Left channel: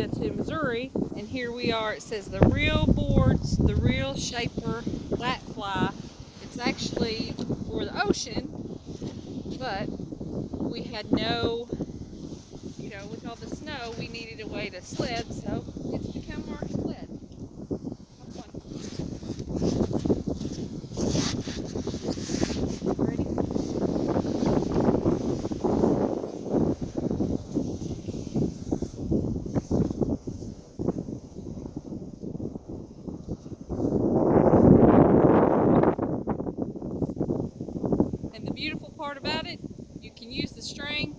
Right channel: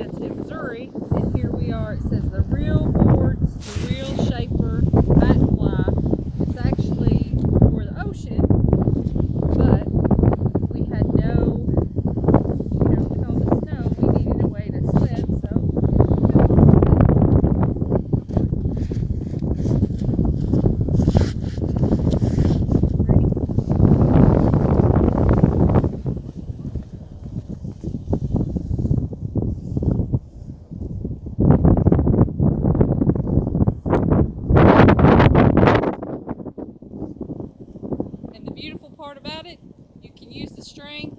It's in Missouri, and here we are. It says the real boards, the real shaper mat fly. It's actually for the ocean, but we had no, with all the snow, we needed a way to sled, so it's become our sled. And the beautiful part about it, you can use the string